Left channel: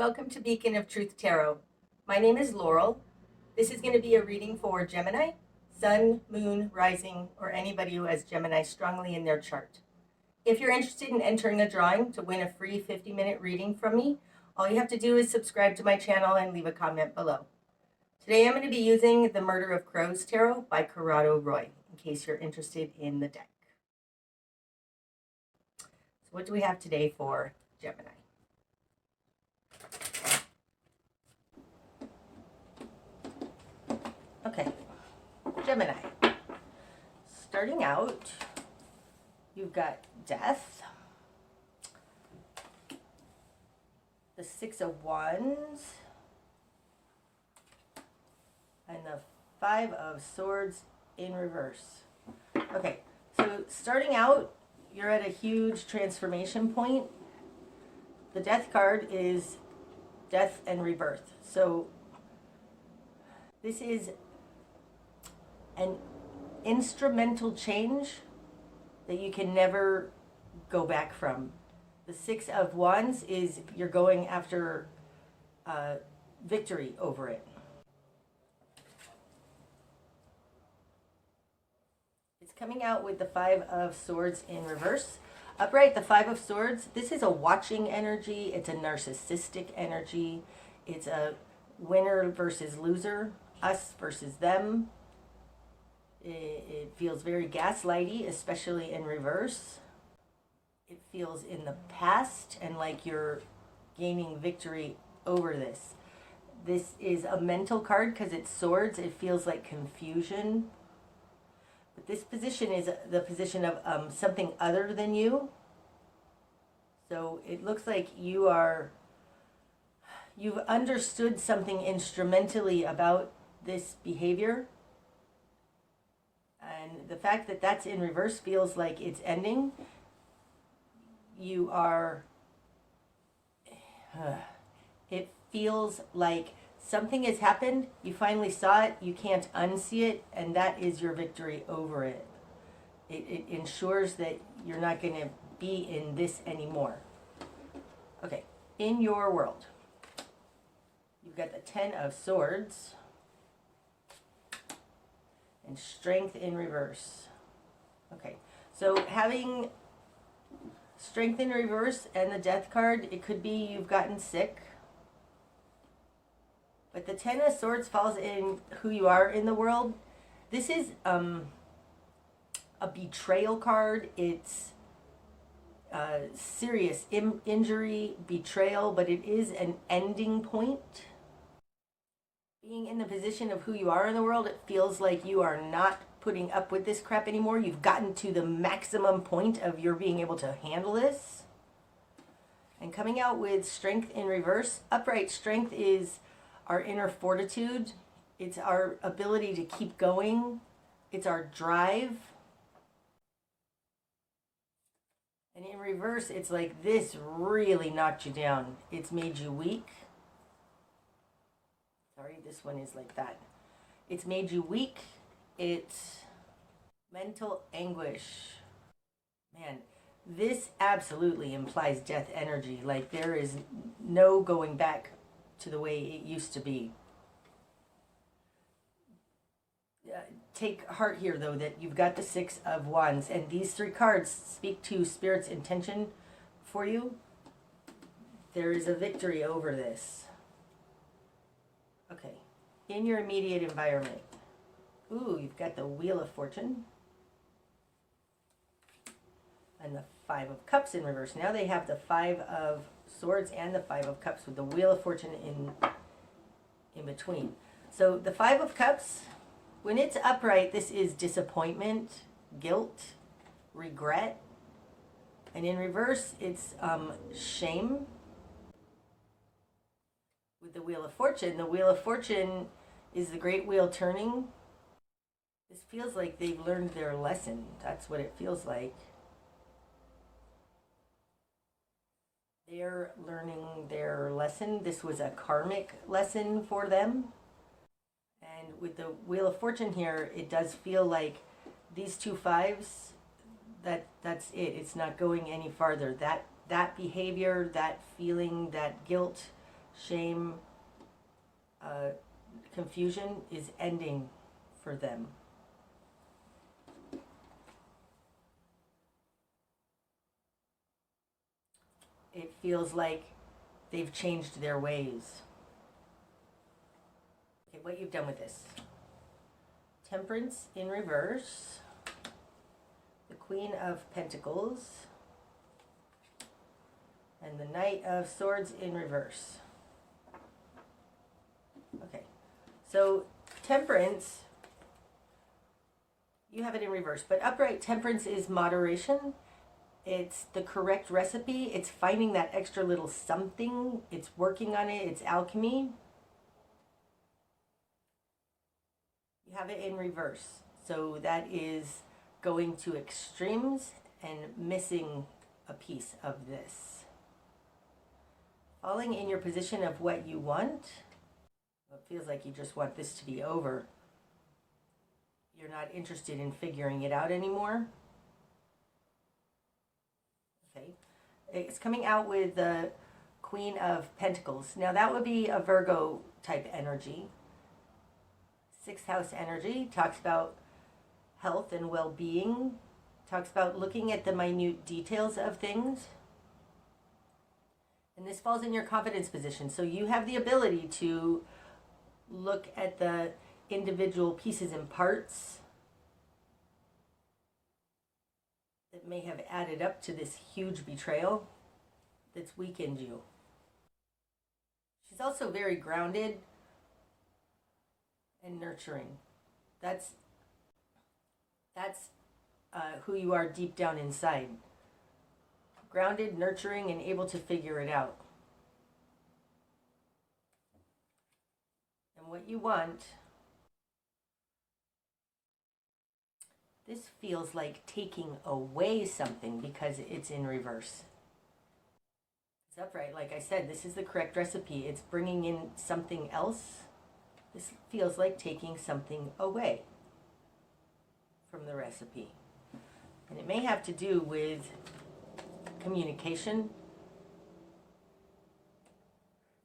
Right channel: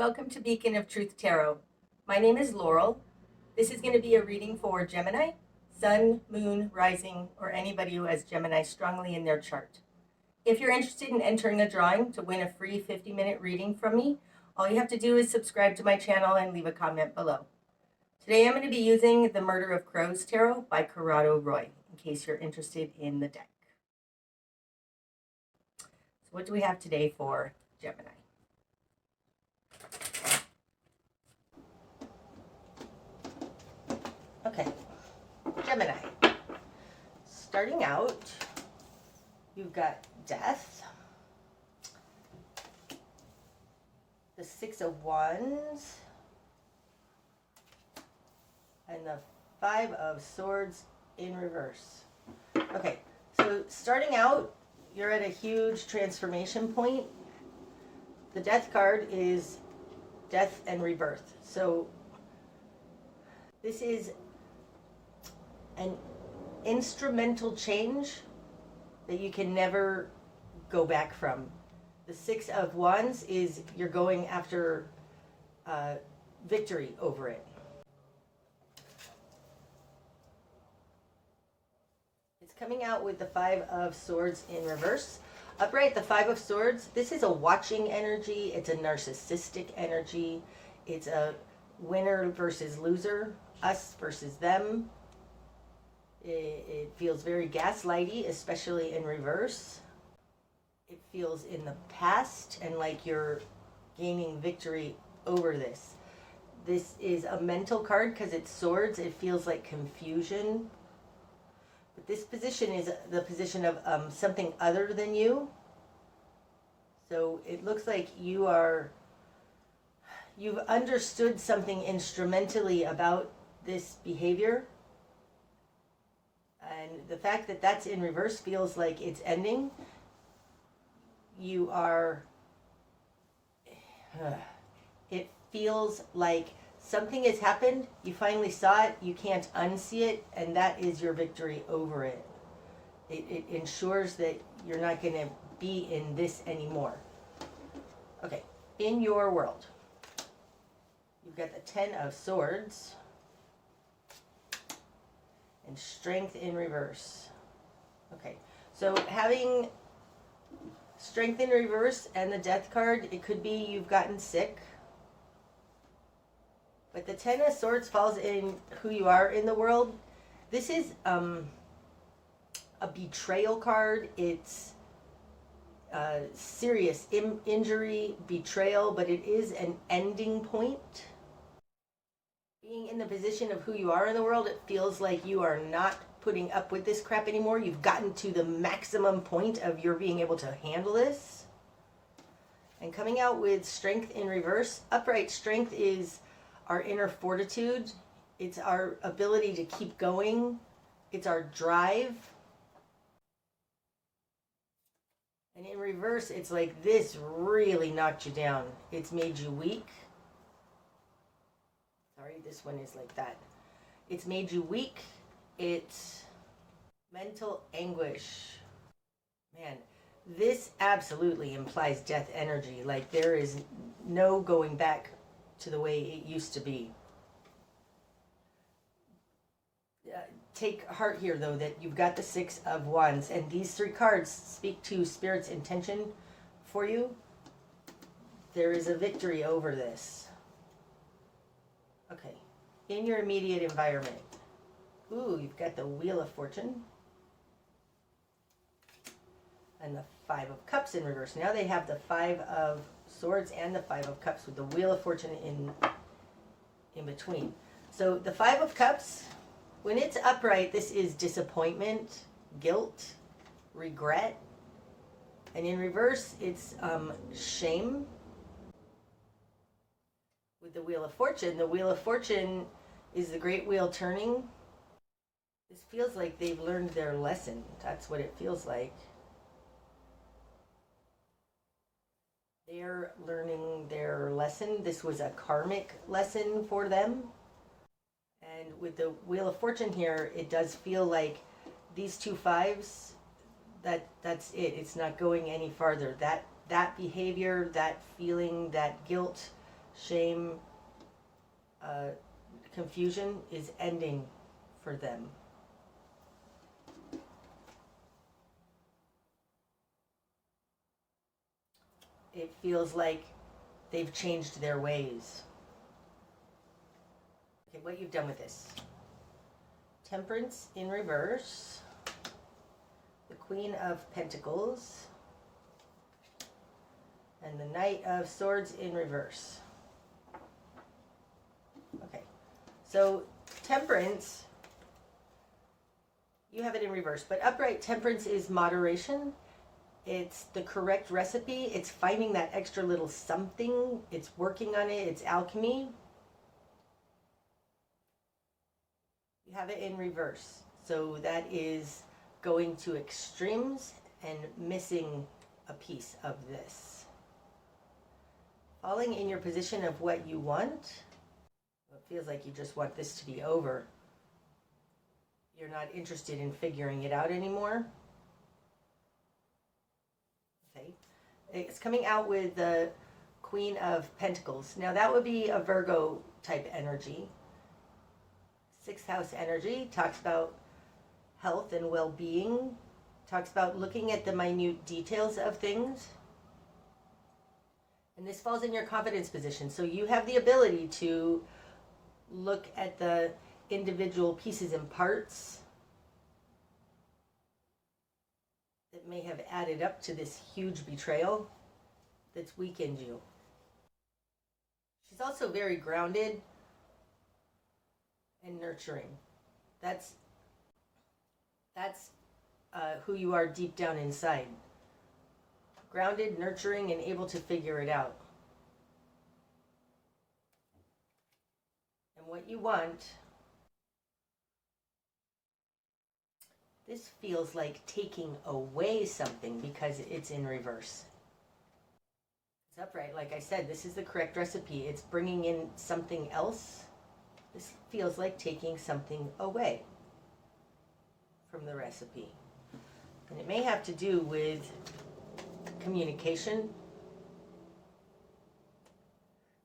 Welcome to Beacon of Truth Tarot. My name is Laurel. This is going to be a reading for Gemini, Sun, Moon, Rising, or anybody who has Gemini strongly in their chart. If you're interested in entering a drawing to win a free 50-minute reading from me, all you have to do is subscribe to my channel and leave a comment below. Today I'm going to be using The Murder of Crows Tarot by Corrado Roy, in case you're interested in the deck. So what do we have today for Gemini? Okay, Gemini. Starting out, you've got Death, the Six of Wands, and the Five of Swords in reverse. Okay, so starting out, you're at a huge transformation point. The Death card is death and rebirth. So this is an instrumental change that you can never go back from. The Six of Wands is you're going after victory over it. It's coming out with the Five of Swords in reverse. Upright, the Five of Swords, this is a watching energy. It's a narcissistic energy. It's a winner versus loser, us versus them. It feels very gaslighty, especially in reverse. It feels in the past and like you're gaining victory over this. This is a mental card because it's swords. It feels like confusion. But this position is the position of something other than you. So it looks like you've understood something instrumentally about this behavior. And the fact that that's in reverse feels like it's ending. It feels like something has happened. You finally saw it. You can't unsee it. And that is your victory over it. It ensures that you're not going to be in this anymore. Okay, in your world, you've got the Ten of Swords and Strength in reverse. Okay, so having Strength in reverse and the Death card, it could be you've gotten sick. But the Ten of Swords falls in who you are in the world. This is a betrayal card. It's serious injury, betrayal, but it is an ending point. Being in the position of who you are in the world, it feels like you are not putting up with this crap anymore. You've gotten to the maximum point of your being able to handle this. And coming out with Strength in reverse. Upright strength is our inner fortitude. It's our ability to keep going. It's our drive. And in reverse, it's like this really knocked you down. It's made you weak. Sorry, this one is like that. It's made you weak. It's mental anguish. Man, this absolutely implies death energy. Like there is no going back to the way it used to be. Take heart here, though, that you've got the Six of Wands, and these three cards speak to Spirit's intention for you. There is a victory over this. Okay, in your immediate environment. Ooh, you've got the Wheel of Fortune and the Five of Cups in reverse. Now they have the Five of Swords and the Five of Cups with the Wheel of Fortune in between. So the Five of Cups, when it's upright, this is disappointment, guilt, regret. And in reverse, it's shame. With the Wheel of Fortune is the Great Wheel turning. This feels like they've learned their lesson. That's what it feels like. They're learning their lesson. This was a karmic lesson for them. And with the Wheel of Fortune here, it does feel like these two fives, that's it. It's not going any farther. That behavior, that feeling, that guilt, shame, confusion is ending for them. It feels like they've changed their ways. Okay, what you've done with this. Temperance in reverse. The Queen of Pentacles. And the Knight of Swords in reverse. Okay, so Temperance, you have it in reverse, but upright Temperance is moderation. It's the correct recipe. It's finding that extra little something. It's working on it. It's alchemy. You have it in reverse. So that is going to extremes and missing a piece of this. Falling in your position of what you want. It feels like you just want this to be over. You're not interested in figuring it out anymore. Okay. It's coming out with the Queen of Pentacles. Now that would be a Virgo type energy. Sixth house energy talks about health and well-being. Talks about looking at the minute details of things. And this falls in your confidence position. So you have the ability to look at the individual pieces and parts that may have added up to this huge betrayal that's weakened you. She's also very grounded and nurturing. That's who you are deep down inside. Grounded, nurturing, and able to figure it out. And what you want, this feels like taking away something because it's in reverse. It's upright. Like I said, this is the correct recipe. It's bringing in something else. This feels like taking something away from the recipe. And it may have to do with communication.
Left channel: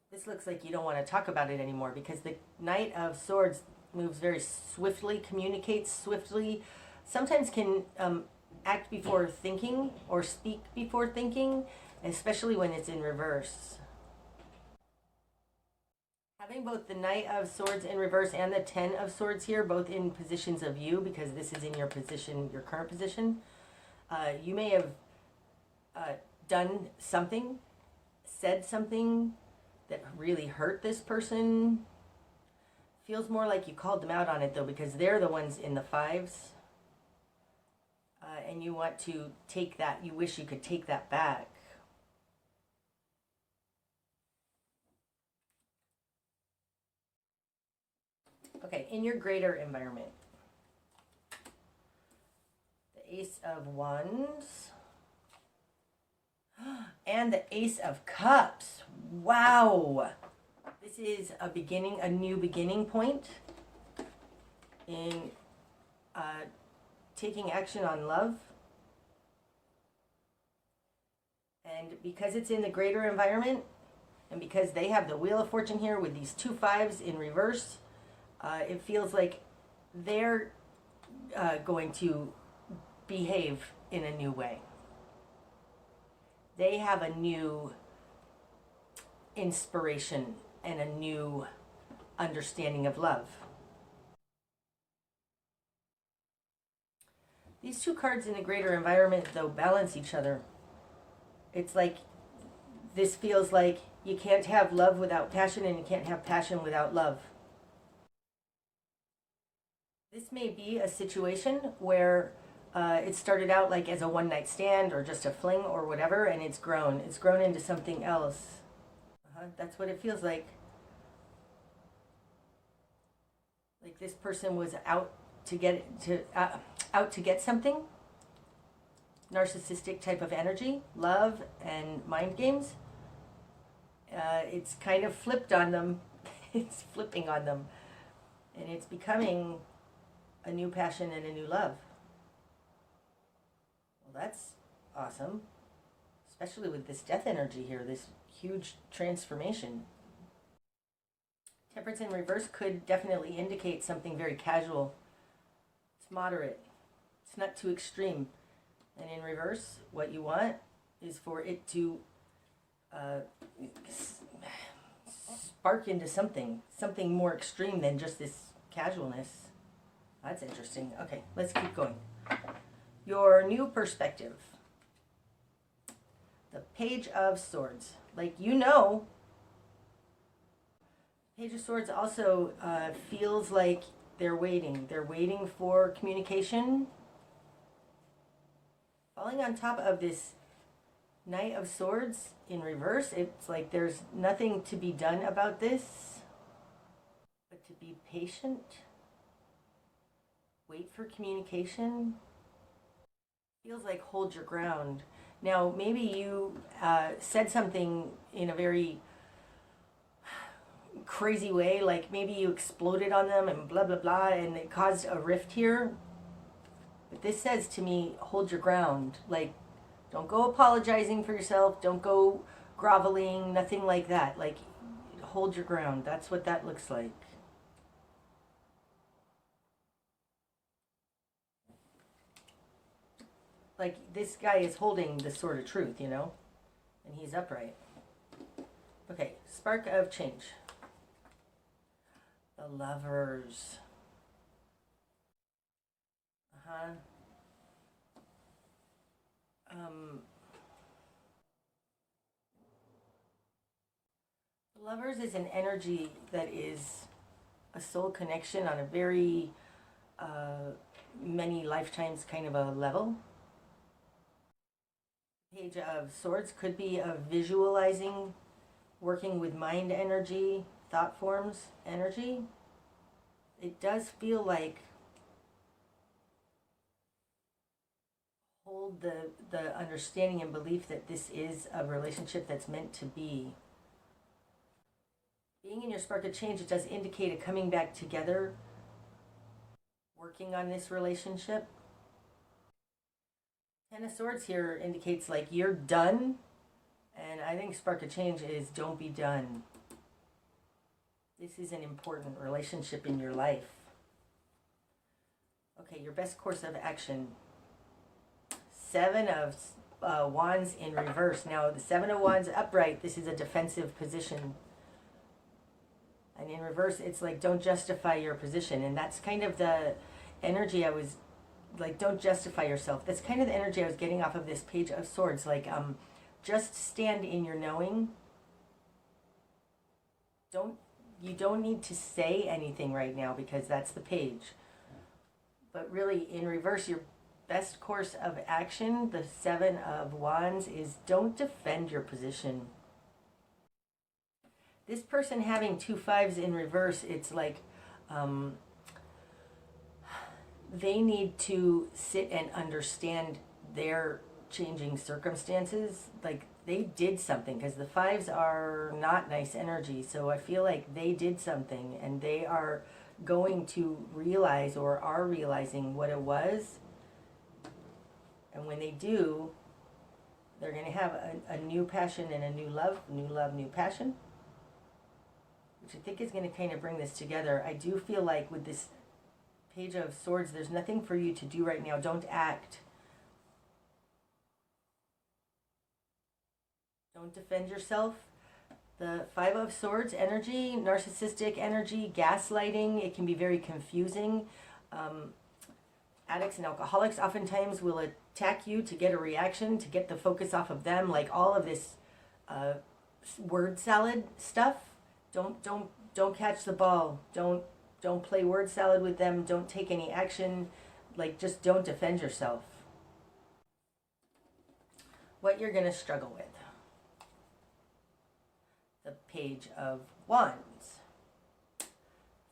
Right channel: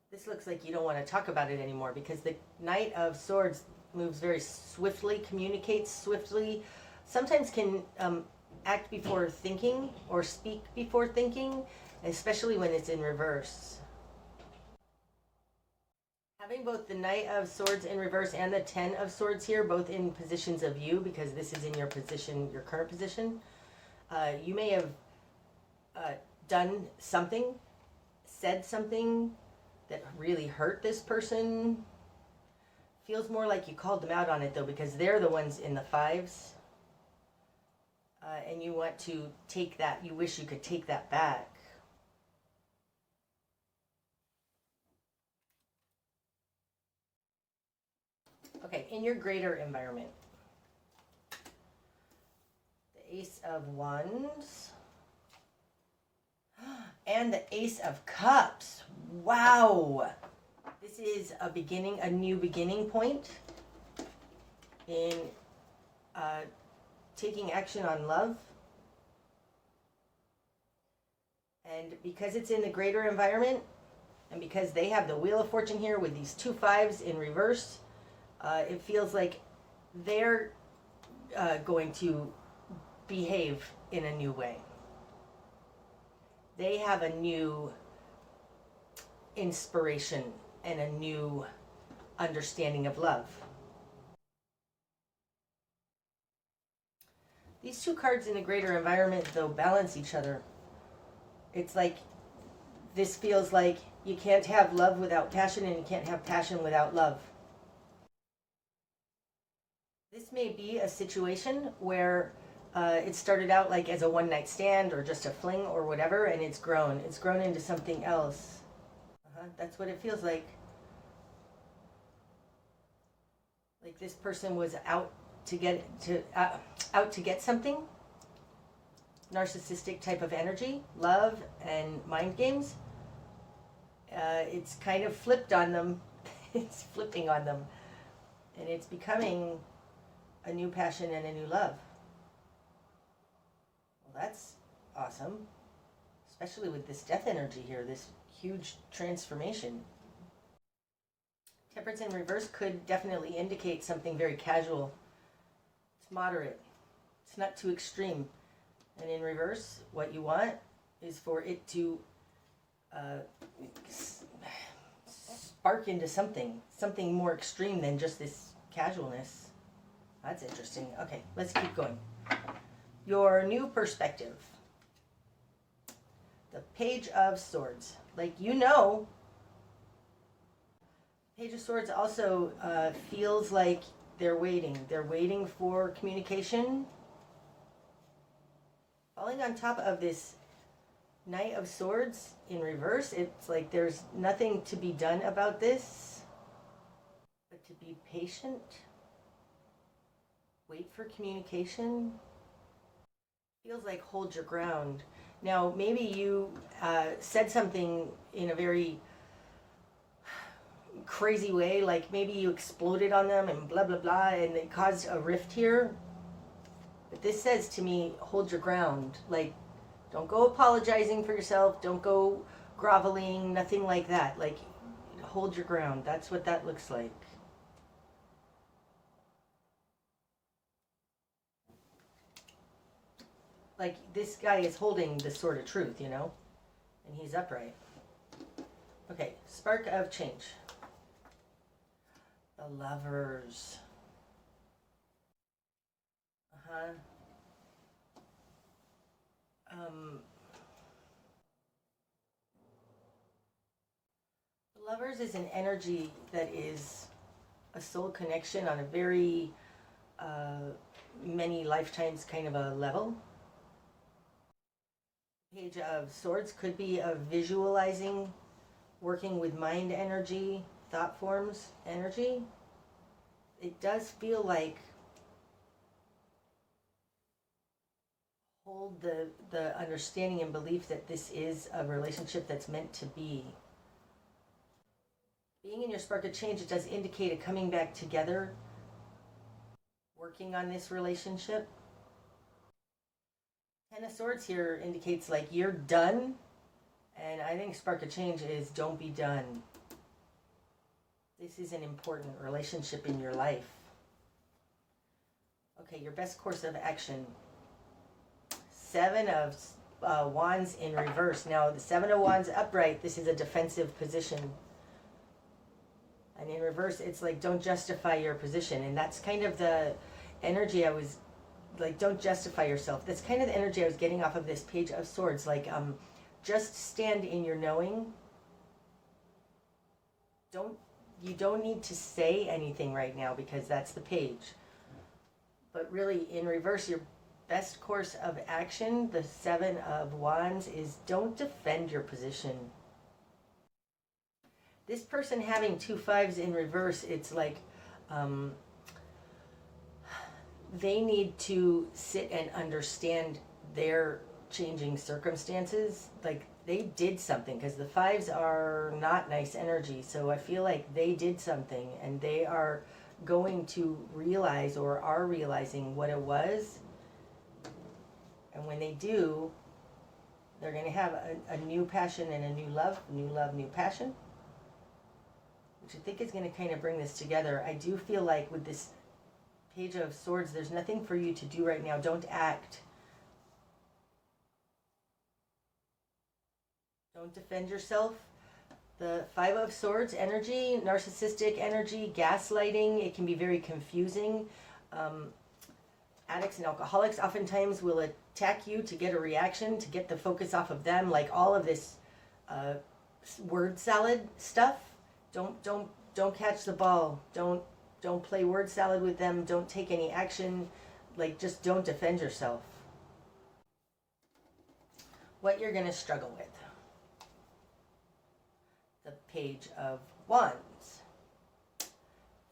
This looks like you don't want to talk about it anymore because the Knight of Swords moves very swiftly, communicates swiftly, sometimes can act before thinking or speak before thinking, especially when it's in reverse. Having both the Knight of Swords in reverse and the Ten of Swords here, both in positions of you, because this is in your position, your current position, you may have done something, said something that really hurt this person. Feels more like you called them out on it though, because they're the ones in the fives. And you want to take that, you wish you could take that back. Okay, in your greater environment. The Ace of Wands. And the Ace of Cups. Wow. This is a beginning, a new beginning point in taking action on love. And because it's in the greater environment, and because they have the Wheel of Fortune here with these two fives in reverse, it feels like they're going to behave in a new way. They have a new inspiration and a new understanding of love. These two cards in the greater environment, though, balance each other. It's like, this feels like you can't have love without passion, and you can't have passion without love. This may be a situation where it started out like as a one-night stand or just a fling or whatever, and it's grown. It's grown into something else. That's what it feels like. Like this person was out to get something. Narcissistic type of energy, love and mind games. It's kind of flipped on them. It's flipping on them, and it's becoming a new passion and a new love. Well, that's awesome, especially with this death energy here, this huge transformation. Temperance in reverse could definitely indicate something very casual. It's moderate. It's not too extreme. And in reverse, what you want is for it to spark into something more extreme than just this casualness. That's interesting. Okay, let's keep going. Your new perspective. The Page of Swords. Like, you know, Page of Swords also feels like they're waiting. They're waiting for communication. Falling on top of this Knight of Swords in reverse, it's like there's nothing to be done about this, but to be patient. Wait for communication. Feels like hold your ground. Now, maybe you said something in a very crazy way, like maybe you exploded on them and blah, blah, blah, and it caused a rift here. But this says to me, hold your ground. Like, don't go apologizing for yourself. Don't go groveling, nothing like that. Like, hold your ground. That's what that looks like. Like, this guy is holding the sword of truth, you know? And he's upright. Okay, spark of change. The Lovers. The Lovers is an energy that is a soul connection on a very many lifetimes kind of a level. Page of Swords could be a visualizing, working with mind energy, thought forms energy. It does feel like hold the understanding and belief that this is a relationship that's meant to be. Being in your spark of change, it does indicate a coming back together, working on this relationship. Ten of Swords here indicates like you're done, and I think spark of change is don't be done. This is an important relationship in your life. Okay, your best course of action. Seven of Wands in reverse. Now, the Seven of Wands upright, this is a defensive position. And in reverse, it's like, don't justify your position. And that's kind of the energy I was, like, don't justify yourself. That's kind of the energy I was getting off of this Page of Swords. Like, just stand in your knowing. You don't need to say anything right now because that's the page. But really, in reverse, your best course of action, the Seven of Wands, is don't defend your position. This person having 2 5s in reverse, it's like they need to sit and understand their changing circumstances. Like, they did something, because the 5s are not nice energy. So I feel like they did something and they are going to realize or are realizing what it was. And when they do, they're going to have a new passion and a new love, new passion, which I think is going to kind of bring this together. I do feel like with this Page of Swords, there's nothing for you to do right now. Don't act. Don't defend yourself. The Five of Swords energy, narcissistic energy, gaslighting, it can be very confusing. Addicts and alcoholics oftentimes will attack you to get a reaction, to get the focus off of them, like all of this word salad stuff. Don't catch the ball. Don't play word salad with them. Don't take any action. Like, just don't defend yourself. What you're going to struggle with. The Page of Wands.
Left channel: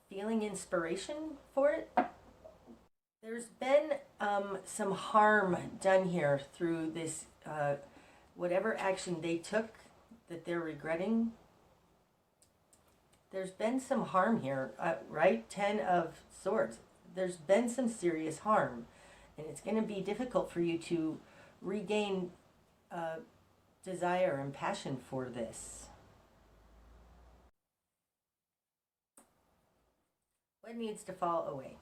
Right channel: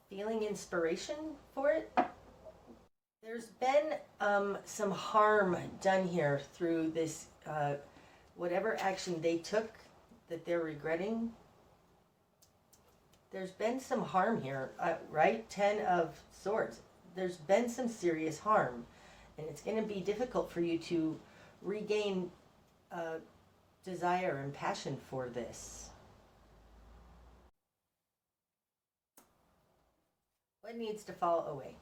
Feeling inspiration for it. There's been some harm done here through this, whatever action they took that they're regretting. There's been some harm here, right? 10 of Swords. There's been some serious harm. And it's going to be difficult for you to regain desire and passion for this. What needs to fall away?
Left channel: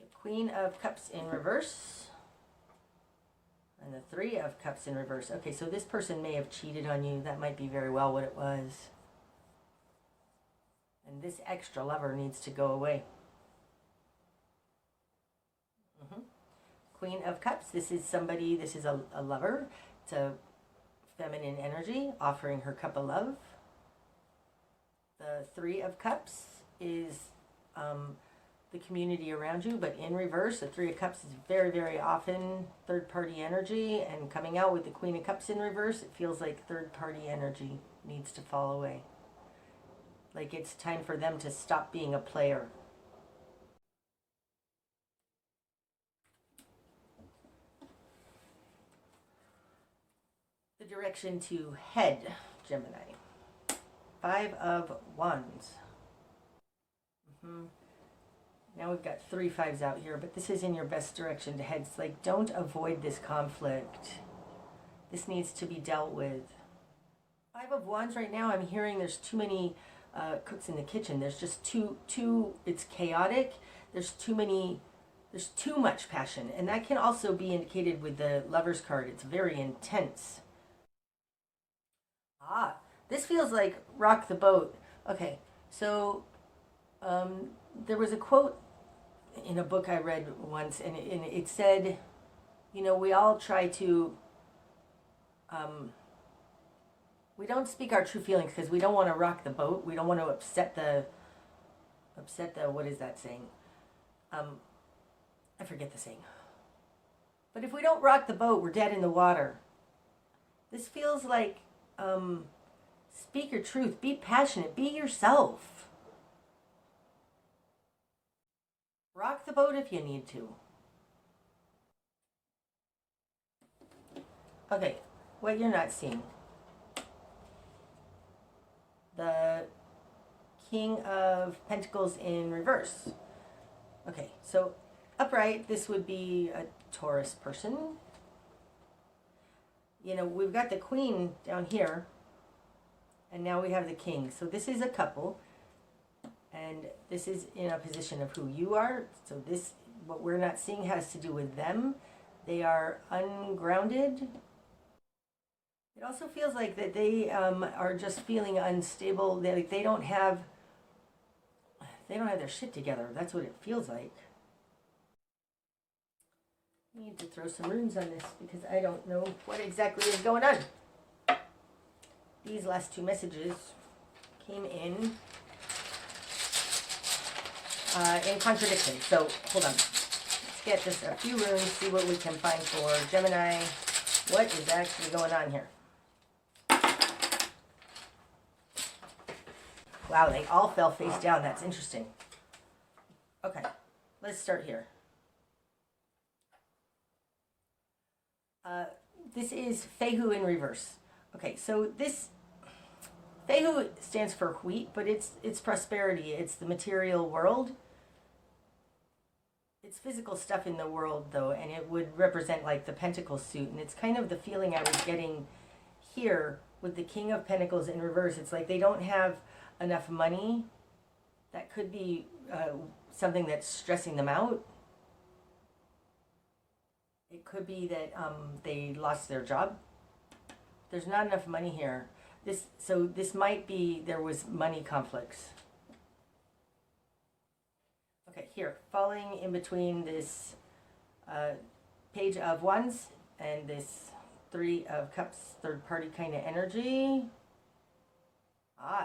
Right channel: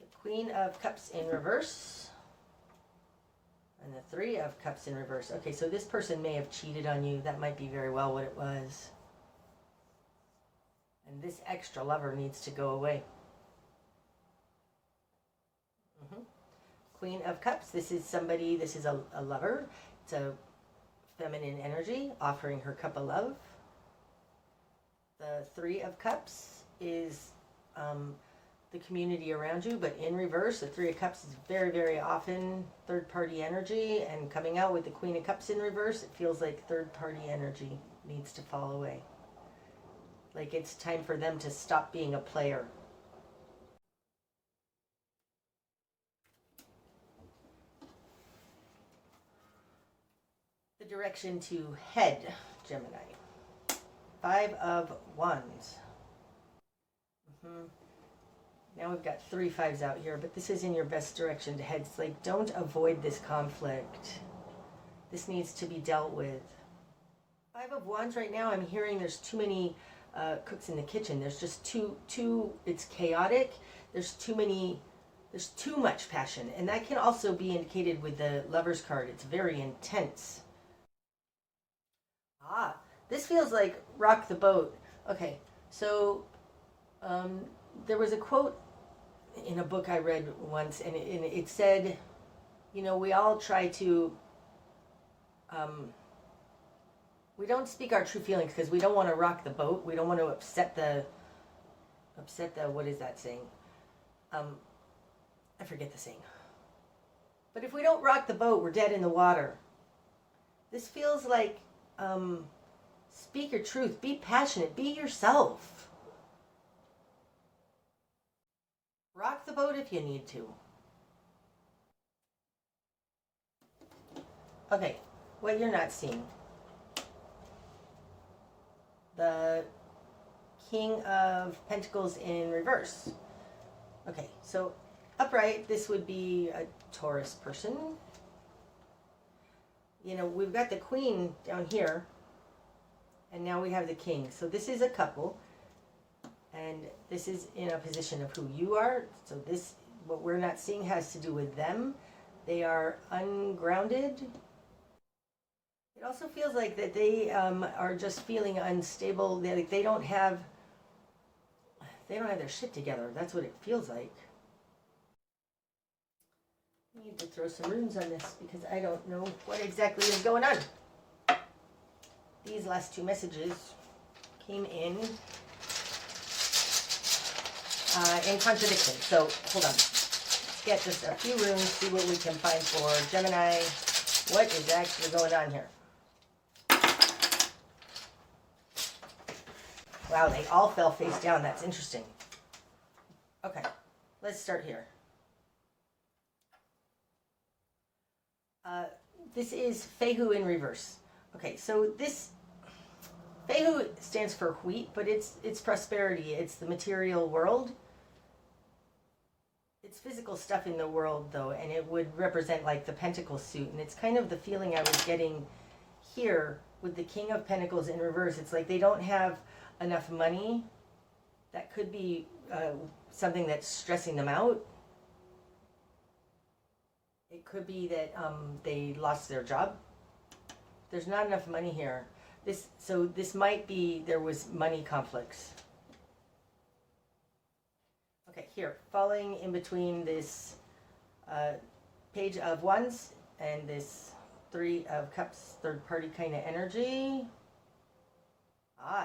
The Queen of Cups in reverse. And the Three of Cups in reverse. Okay, so this person may have cheated on you. That might be very well what it was. And this extra lover needs to go away. Queen of Cups. This is somebody, this is a lover. It's a feminine energy offering her cup of love. The Three of Cups is the community around you, but in reverse. The Three of Cups is very, very often third-party energy, and coming out with the Queen of Cups in reverse, it feels like third-party energy needs to fall away. Like it's time for them to stop being a player. The direction to head, Gemini. Five of Wands. Now we've got 3 5s out here, but this is in your best direction to head. It's like, don't avoid this conflict. This needs to be dealt with. 5 of Wands right now, I'm hearing there's too many cooks in the kitchen. There's just too, it's chaotic. There's too much passion. And that can also be indicated with the Lover's card. It's very intense. This feels like rock the boat. Okay, so there was a quote in a book I read once, and it said, you know, we all try to, we don't speak our true feelings because we don't want to rock the boat. We don't want to upset the, what is that saying? I forget the saying. But if we don't rock the boat, we're dead in the water. This feels like, speak your truth, be passionate, be yourself. Rock the boat if you need to. Okay, what you're not seeing. The King of Pentacles in reverse. Okay, so upright, this would be a Taurus person. You know, we've got the Queen down here, and now we have the King. So this is a couple. And this is in a position of who you are. So this, what we're not seeing, has to do with them. They are ungrounded. It also feels like that they are just feeling unstable. They don't have their shit together. That's what it feels like. I need to throw some runes on this because I don't know what exactly is going on. These last 2 messages came in contradiction. So hold on. Let's get just a few runes, see what we can find for Gemini. What is actually going on here? Wow, they all fell face down. That's interesting. Okay, let's start here. This is Fehu in reverse. Okay, so this Fehu stands for wheat, but it's prosperity. It's the material world. It's physical stuff in the world, though, and it would represent like the Pentacle suit. And it's kind of the feeling I was getting here with the King of Pentacles in reverse. It's like they don't have enough money. That could be something that's stressing them out. It could be that they lost their job. There's not enough money here. So this might be, there was money conflicts. Okay, here, falling in between this Page of Wands and this Three of Cups, third party kind of energy.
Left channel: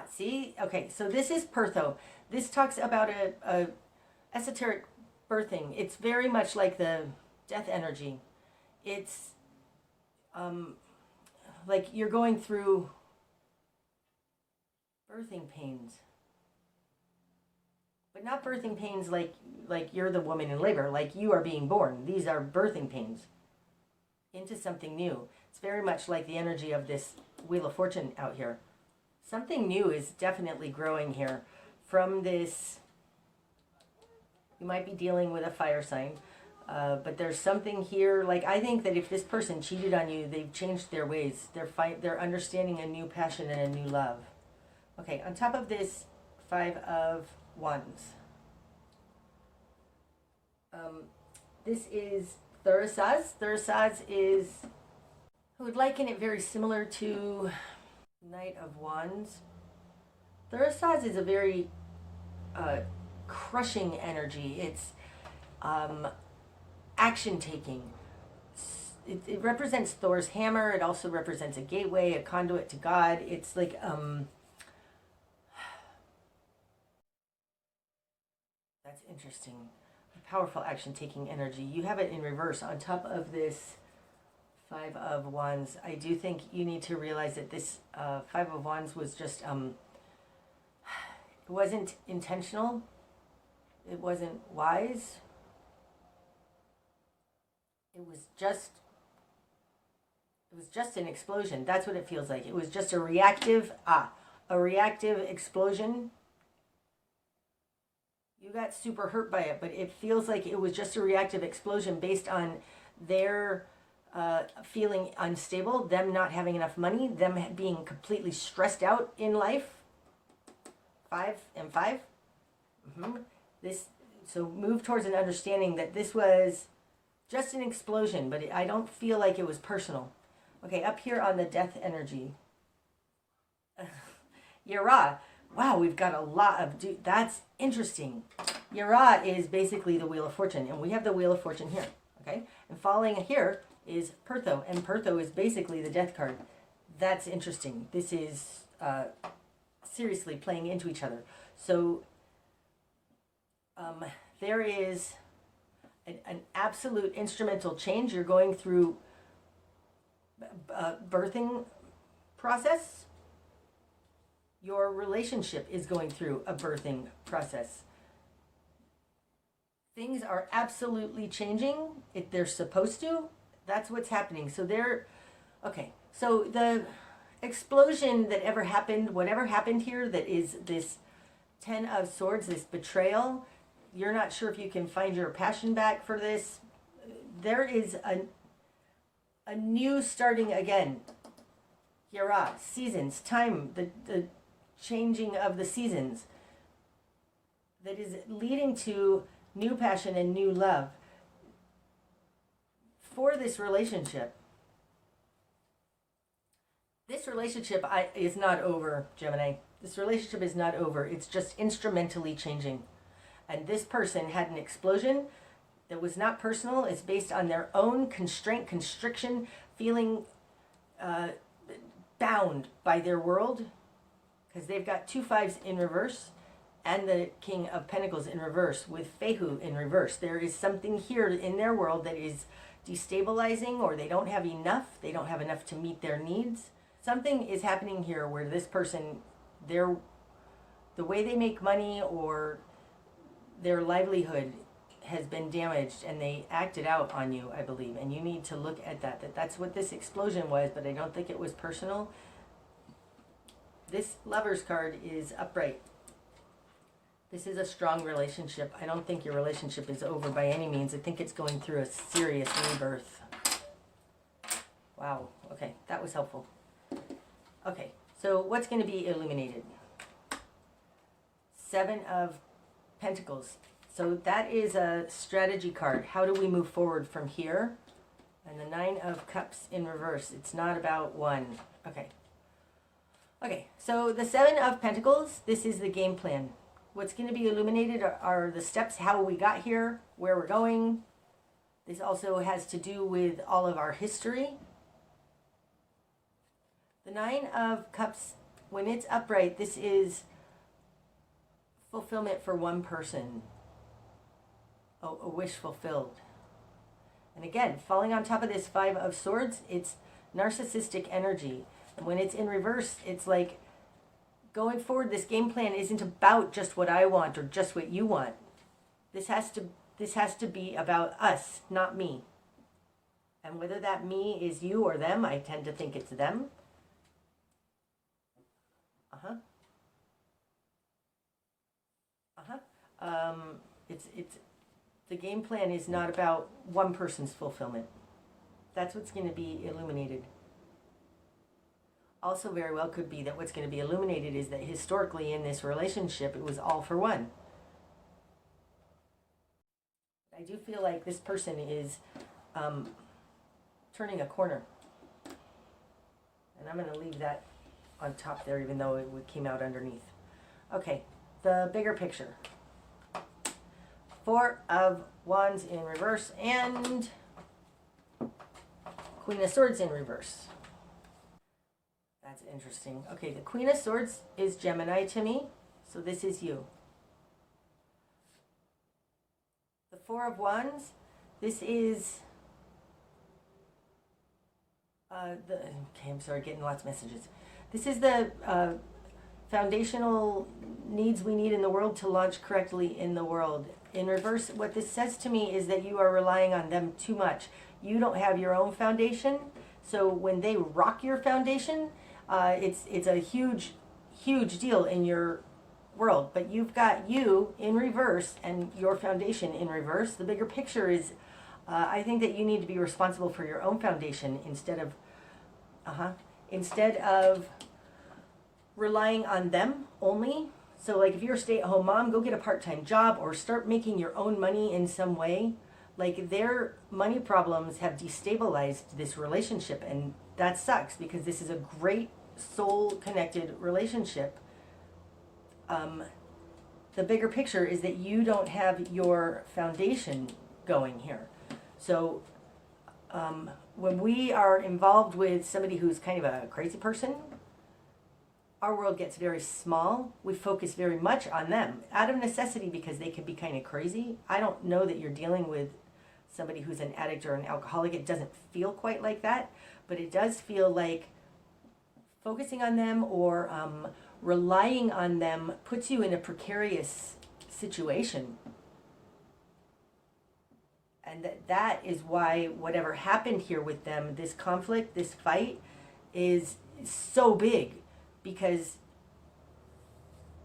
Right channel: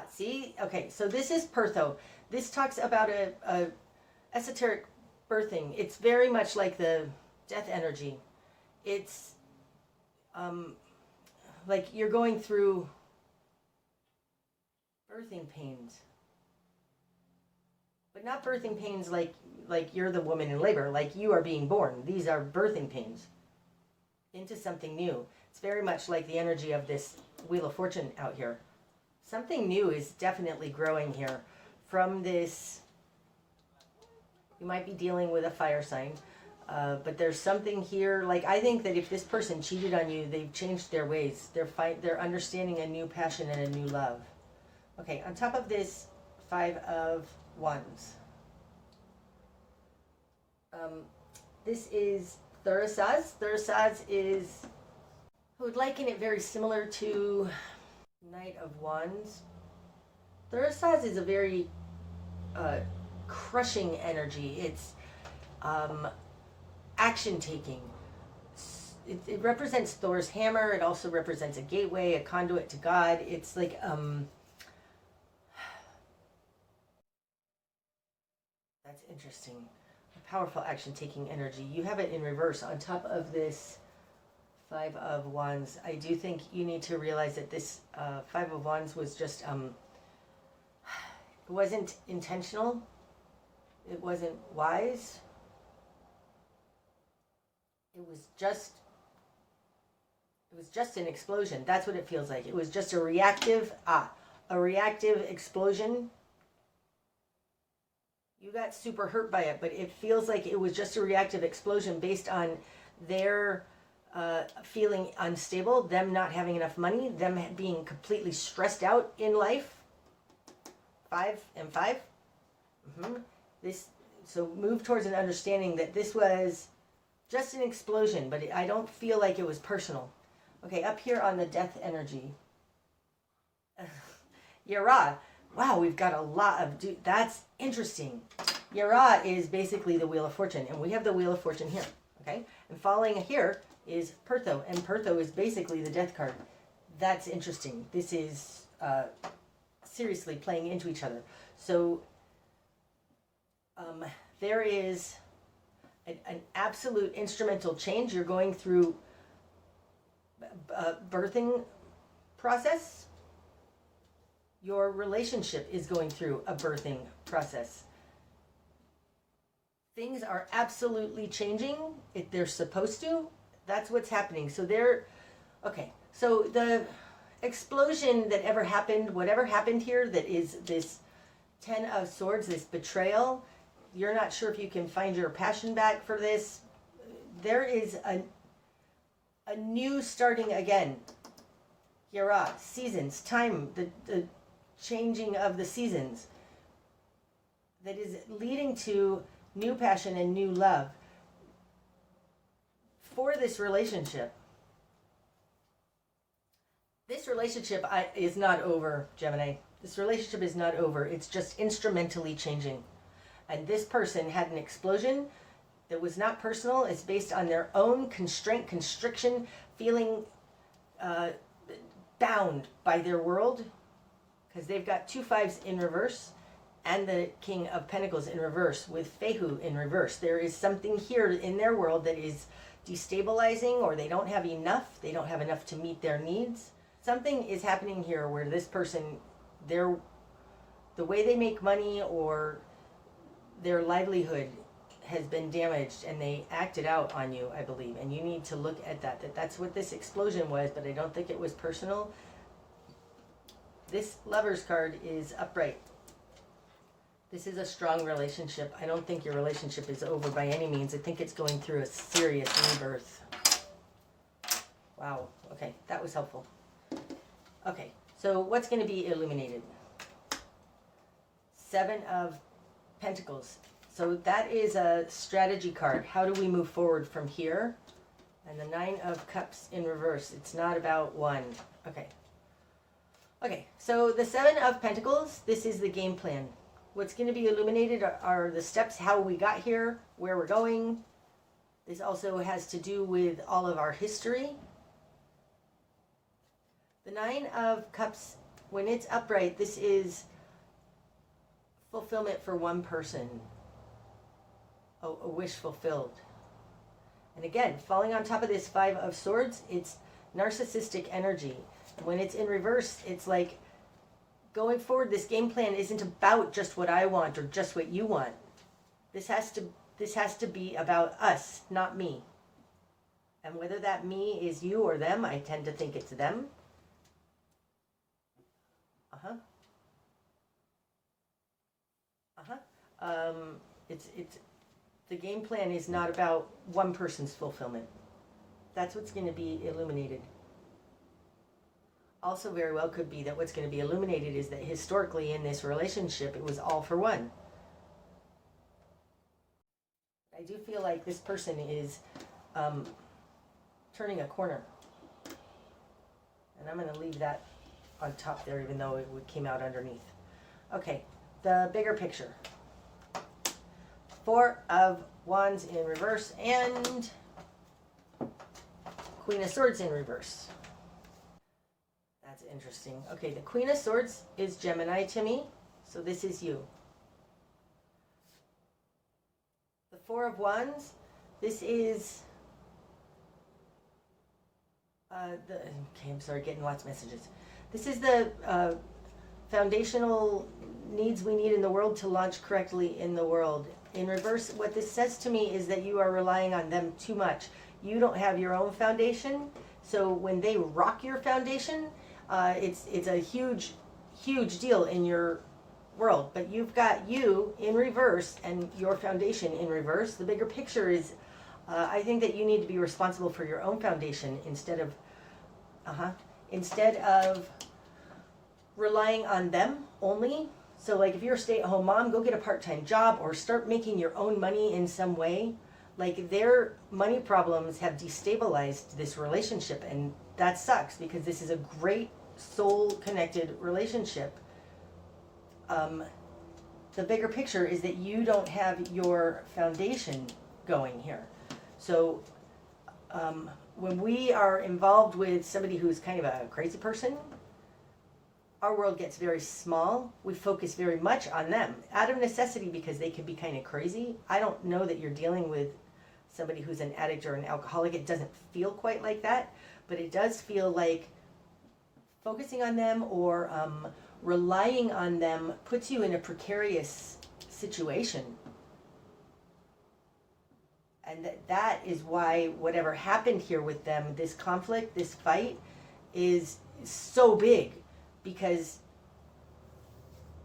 See? Okay, so this is Pertho. This talks about a esoteric birthing. It's very much like the death energy. It's like you're going through birthing pains. But not birthing pains like you're the woman in labor, like you are being born. These are birthing pains into something new. It's very much like the energy of this Wheel of Fortune out here. Something new is definitely growing here from this. You might be dealing with a fire sign, but there's something here. Like, I think that if this person cheated on you, they've changed their ways. They're understanding a new passion and a new love. Okay, on top of this 5 of Wands. This is Thurisaz. Thurisaz is, I would liken it very similar to Knight of Wands. Thurisaz is a very crushing energy. It's action taking. It represents Thor's hammer. It also represents a gateway, a conduit to God. It's like that's interesting. A powerful action taking energy. You have it in reverse on top of this Five of Wands. I do think you need to realize that this Five of Wands was just it wasn't intentional. It wasn't wise. It was just an explosion. That's what it feels like. It was just a reactive explosion. You got super hurt by it, but it feels like it was just a reactive explosion based on their feeling unstable, them not having enough money, them being completely stressed out in life. 5 and 5. So move towards an understanding that this was just an explosion, but I don't feel like it was personal. Okay, up here on the death energy. Yara. Wow, we've got a lot of... that's interesting. Yara is basically the Wheel of Fortune, and we have the Wheel of Fortune here. Okay? And following here is Pertho, and Pertho is basically the death card. That's interesting. This is seriously playing into each other. So there is an absolute instrumental change. You're going through birthing process. Your relationship is going through a birthing process. Things are absolutely changing. If they're supposed to, that's what's happening. So okay. So the explosion that ever happened, whatever happened here, that is this 10 of Swords, this betrayal. You're not sure if you can find your passion back for this. There is a new starting again. Yara, seasons, time, the changing of the seasons that is leading to new passion and new love for this relationship. This relationship is not over, Gemini. This relationship is not over. It's just instrumentally changing. And this person had an explosion that was not personal. It's based on their own constriction, feeling bound by their world, because they've got 2 5s in reverse and the King of Pentacles in reverse with Fehu in reverse. There is something here in their world that is destabilizing, or they don't have enough. They don't have enough to meet their needs. Something is happening here where this person, the way they make money or their livelihood has been damaged, and they acted out on you, I believe. And you need to look at that's what this explosion was, but I don't think it was personal. This Lovers card is upright. This is a strong relationship. I don't think your relationship is over by any means. I think it's going through a serious rebirth. Wow. Okay, that was helpful. Okay, so what's going to be illuminated? 7 of Pentacles. So that is a strategy card. How do we move forward from here? And the 9 of Cups in reverse. It's not about one. Okay. Okay, so the 7 of Pentacles, this is the game plan. What's going to be illuminated are the steps, how we got here, where we're going. This also has to do with all of our history. The 9 of Cups, when it's upright, this is fulfillment for one person. A wish fulfilled. And again, falling on top of this 5 of Swords, it's narcissistic energy. And when it's in reverse, it's like going forward, this game plan isn't about just what I want or just what you want. This has to be about us, not me. And whether that me is you or them, I tend to think it's them. It's the game plan is not about one person's fulfillment. That's what's going to be illuminated. Also very well could be that what's going to be illuminated is that historically in this relationship, it was all for one. I do feel like this person is turning a corner. And I'm going to leave that on top there, even though it came out underneath. Okay, the bigger picture. Four of Wands in reverse and Queen of Swords in reverse. That's interesting. Okay, the Queen of Swords is Gemini to me, so this is you. The Four of Wands, this is okay, I'm sorry, getting lots of messages. This is the foundational needs we need in the world to launch correctly in the world. In reverse, what this says to me is that you are relying on them too much. You don't have your own foundation, so when they rock your foundation, it's a huge deal in your world. But you've got you in reverse and your foundation in reverse. The bigger picture is, I think that you need to be responsible for your own foundation instead of relying on them only. So like if you're a stay-at-home mom, go get a part-time job or start making your own money in some way. Like their money problems have destabilized this relationship, and that sucks because this is a great soul-connected relationship. The bigger picture is that you don't have your foundation going here. So when we are involved with somebody who's kind of a crazy person, our world gets very small. We focus very much on them out of necessity because they could be kind of crazy. I don't know that you're dealing with somebody who's an addict or an alcoholic. It doesn't feel quite like that, but it does feel like focusing on them or relying on them puts you in a precarious situation. And that is why whatever happened here with them, this conflict, this fight, is so big because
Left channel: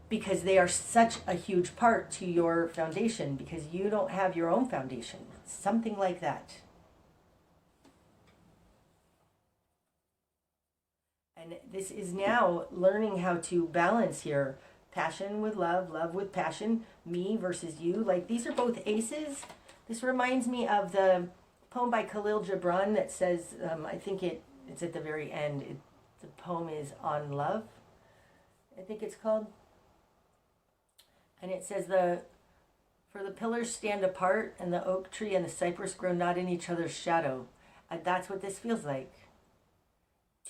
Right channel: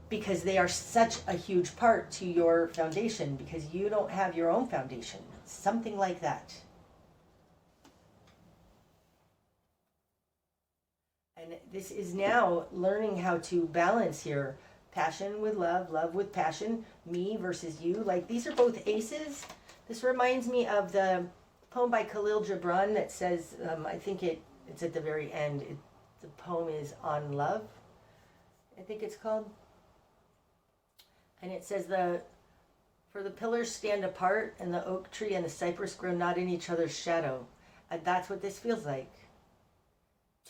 they are such a huge part to your foundation, because you don't have your own foundation. Something like that. And this is now learning how to balance here. Passion with love, love with passion, me versus you. Like these are both aces. This reminds me of the poem by Khalil Gibran that says, I think it's at the very end. The poem is On Love, I think it's called. And it says, for the pillars stand apart, and the oak tree and the cypress grow not in each other's shadow. And that's what this feels like.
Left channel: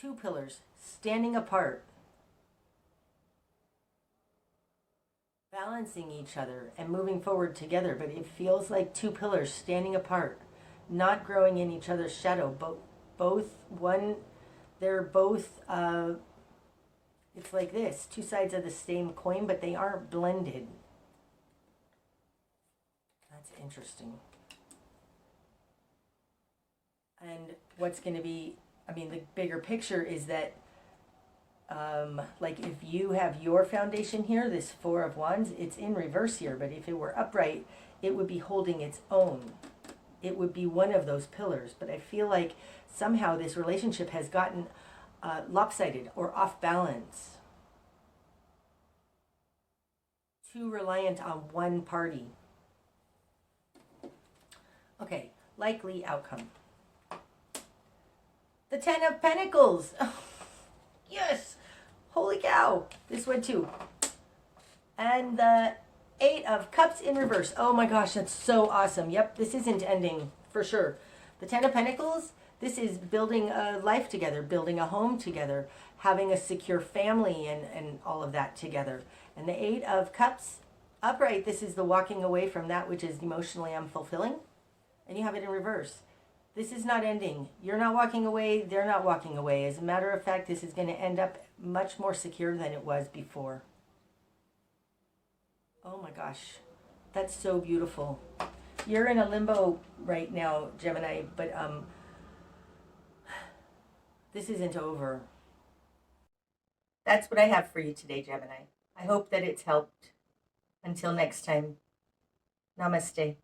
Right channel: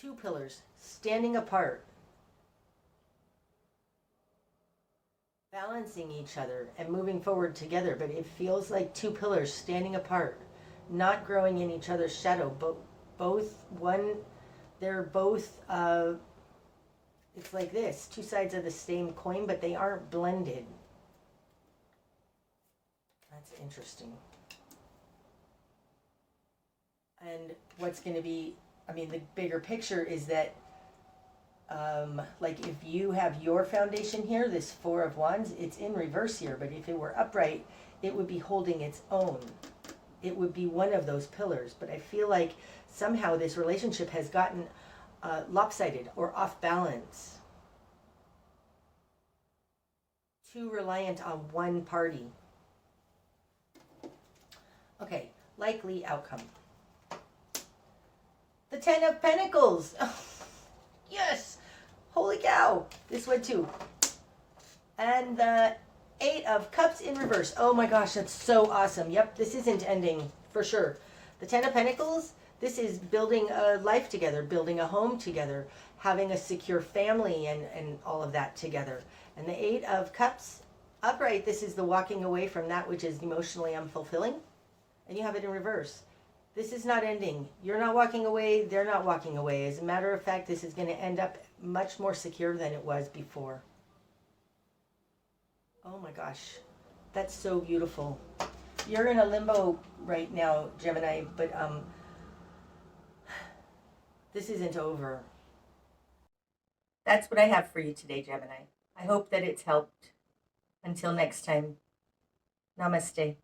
Two pillars standing apart, balancing each other and moving forward together, but it feels like two pillars standing apart, not growing in each other's shadow. They're both, it's like this, two sides of the same coin, but they aren't blended. That's interesting. And what's going to be, the bigger picture is that like if you have your foundation here, this Four of Wands, it's in reverse here, but if it were upright, it would be holding its own. It would be one of those pillars. But I feel like somehow this relationship has gotten lopsided or off balance. Too reliant on one party. Okay, likely outcome. The Ten of Pentacles. Yes! Holy cow! This one too. And the Eight of Cups in reverse. Oh my gosh, that's so awesome. Yep, this isn't ending for sure. The Ten of Pentacles, this is building a life together, building a home together, having a secure family and all of that together. And the Eight of Cups upright, this is the walking away from that which is emotionally unfulfilling. And you have it in reverse. This is not ending. You're not walking away. They're not walking away. As a matter of fact, this is going to end up much more secure than it was before. Oh my gosh. That's so beautiful. You're in a limbo right now, Gemini, but this isn't over. That's what I have for you today, Gemini. I hope that it's helped. Until next time, namaste.